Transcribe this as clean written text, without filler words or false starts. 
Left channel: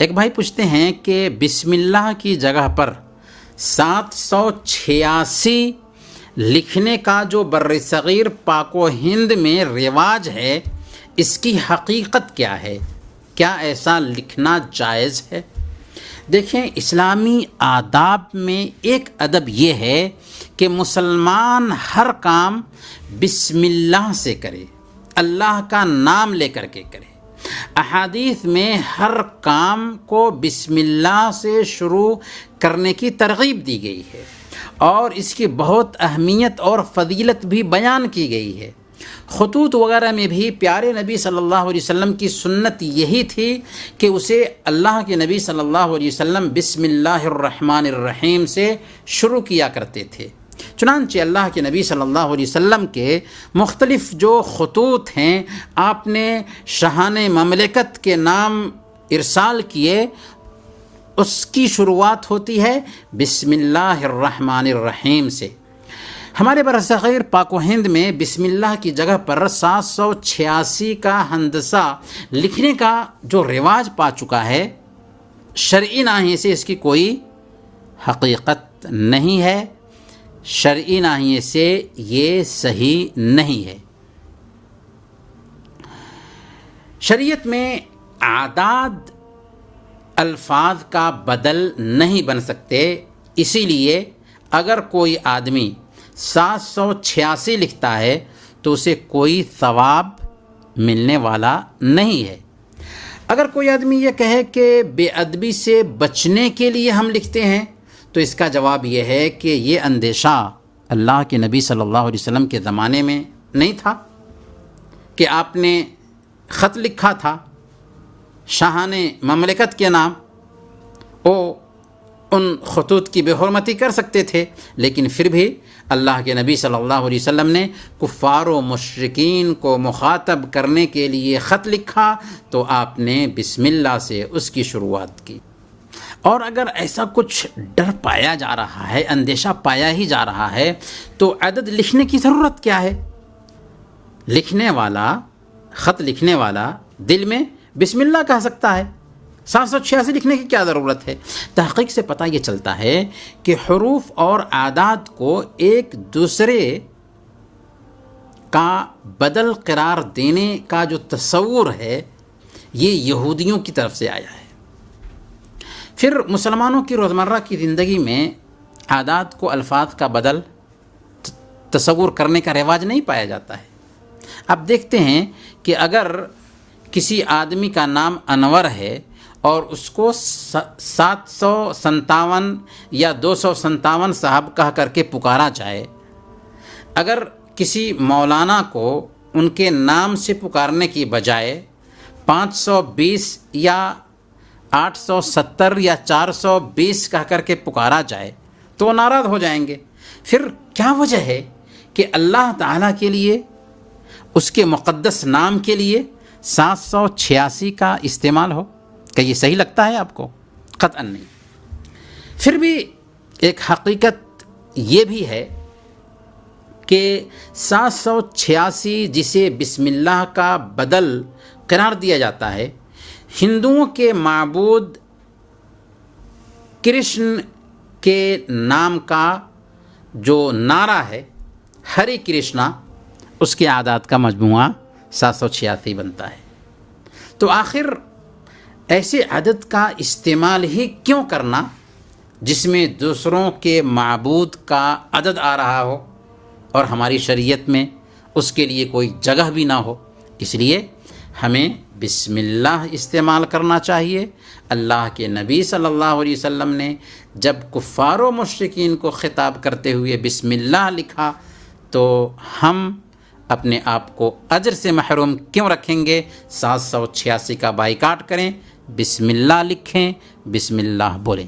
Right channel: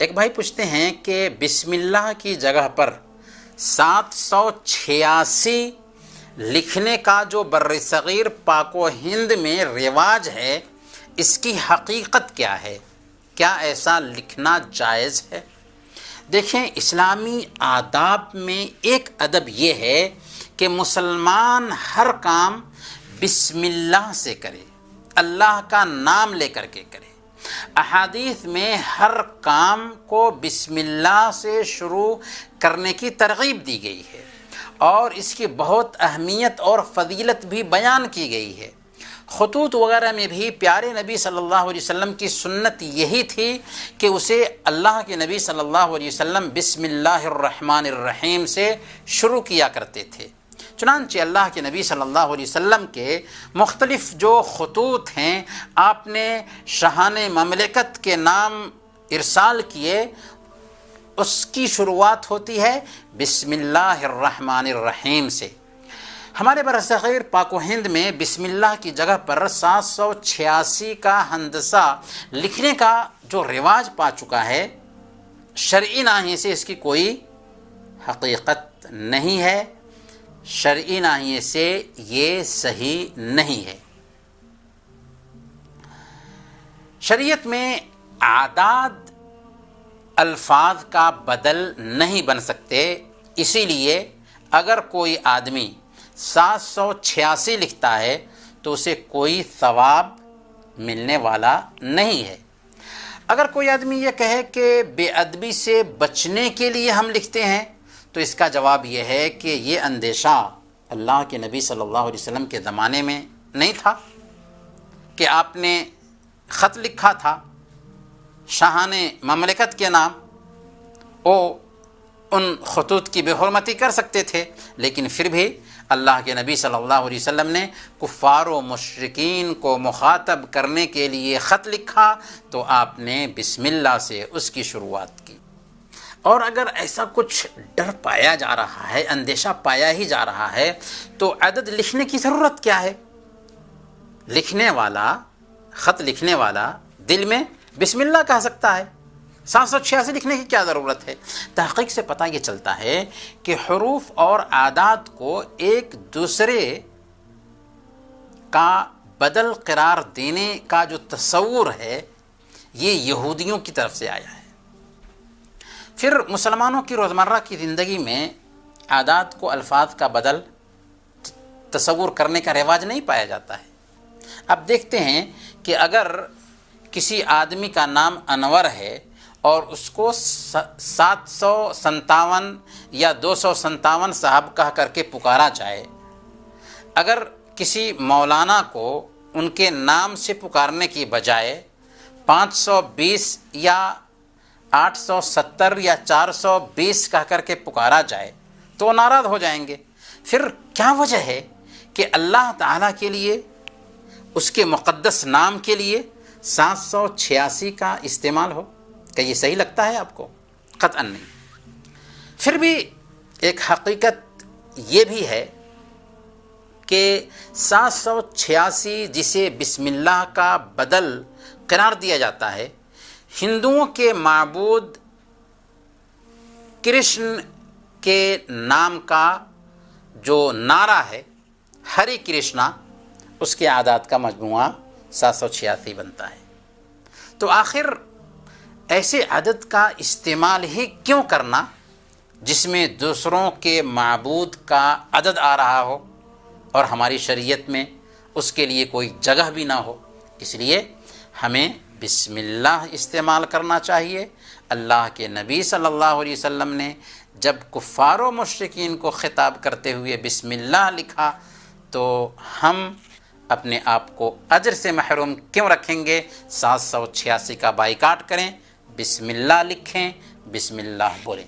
ایک بھائی پوچھتے ہیں کہ بسم اللہ کی جگہ پر 786 لکھنے کا جو بر صغیر پاک و ہند میں رواج ہے، اس کی حقیقت کیا ہے؟ کیا ایسا لکھنا جائز ہے؟ دیکھیں، اسلامی آداب میں ایک ادب یہ ہے کہ مسلمان ہر کام بسم اللہ سے کرے، اللہ کا نام لے کر کے کرے۔ احادیث میں ہر کام کو بسم اللہ سے شروع کرنے کی ترغیب دی گئی ہے، اور اس کی بہت اہمیت اور فضیلت بھی بیان کی گئی ہے۔ خطوط وغیرہ میں بھی پیارے نبی صلی اللہ علیہ وسلم کی سنت یہی تھی کہ اسے اللہ کے نبی صلی اللہ علیہ وسلم بسم اللہ الرحمن الرحیم سے شروع کیا کرتے تھے۔ چنانچہ اللہ کے نبی صلی اللہ علیہ وسلم کے مختلف جو خطوط ہیں، آپ نے شاہان مملکت کے نام ارسال کیے، اس کی شروعات ہوتی ہے بسم اللہ الرحمن الرحیم سے۔ ہمارے برصغیر پاک و ہند میں بسم اللہ کی جگہ پر 786 کا ہندسہ لکھنے کا جو رواج پا چکا ہے، شرعی ناحیے سے اس کی کوئی حقیقت نہیں ہے، شرعی ناحیے سے یہ صحیح نہیں ہے۔ شریعت میں اعداد الفاظ کا بدل نہیں بن سکتے، اسی لیے اگر کوئی آدمی 786 لکھتا ہے تو اسے کوئی ثواب ملنے والا نہیں ہے۔ اگر کوئی آدمی یہ کہے کہ بے ادبی سے بچنے کے لیے ہم لکھتے ہیں، تو اس کا جواب یہ ہے کہ یہ اندیشہ اللہ کے نبی صلی اللہ علیہ وسلم کے زمانے میں نہیں تھا کہ آپ نے خط لکھا تھا شاہان مملکت کے نام، وہ ان خطوط کی بے حرمتی کر سکتے تھے، لیکن پھر بھی اللہ کے نبی صلی اللہ علیہ وسلم نے کفار و مشرکین کو مخاطب کرنے کے لیے خط لکھا تو آپ نے بسم اللہ سے اس کی شروعات کی۔ اور اگر ایسا کچھ ڈر پایا جا رہا ہے، اندیشہ پایا ہی جا رہا ہے، تو عدد لکھنے کی ضرورت کیا ہے؟ لکھنے والا، خط لکھنے والا دل میں بسم اللہ کہہ سکتا ہے، 786 لکھنے کی کیا ضرورت ہے؟ تحقیق سے پتہ یہ چلتا ہے کہ حروف اور اعداد کو ایک دوسرے کا بدل قرار دینے کا جو تصور ہے، یہ یہودیوں کی طرف سے آیا ہے۔ پھر مسلمانوں کی روزمرہ کی زندگی میں اعداد کو الفاظ کا بدل تصور کرنے کا رواج نہیں پایا جاتا ہے۔ اب دیکھتے ہیں کہ اگر کسی آدمی کا نام انور ہے اور اس کو 757 یا 257 صاحب کہہ کر کے پکارا جائے، اگر کسی مولانا کو ان کے نام سے پکارنے کی بجائے 520 یا 870 یا 420 کہہ کر کے پکارا جائے تو ناراض ہو جائیں گے۔ پھر کیا وجہ ہے کہ اللہ تعالیٰ کے لیے، اس کے مقدس نام کے لیے 786 کا استعمال ہو؟ کہ یہ صحیح لگتا ہے آپ کو؟ قطعاً نہیں۔ پھر بھی ایک حقیقت یہ بھی ہے کہ 786 جسے بسم اللہ کا بدل قرار دیا جاتا ہے، ہندوؤں کے معبود کرشن کے نام کا جو نعرہ ہے، ہری کرشنا، اس کے اعداد کا مجموعہ 786 بنتا ہے۔ تو آخر ایسے عدد کا استعمال ہی کیوں کرنا جس میں دوسروں کے معبود کا عدد آ رہا ہو اور ہماری شریعت میں اس کے لیے کوئی جگہ بھی نہ ہو؟ اس لیے ہمیں بسم اللہ استعمال کرنا چاہیے۔ اللہ کے نبی صلی اللہ علیہ وسلم نے جب کفار و مشرکین کو خطاب کرتے ہوئے بسم اللہ لکھا تو ہم اپنے آپ کو اجر سے محروم کیوں رکھیں گے؟ 786 کا بائیکاٹ کریں، بسم اللہ لکھیں، بسم اللہ بولیں۔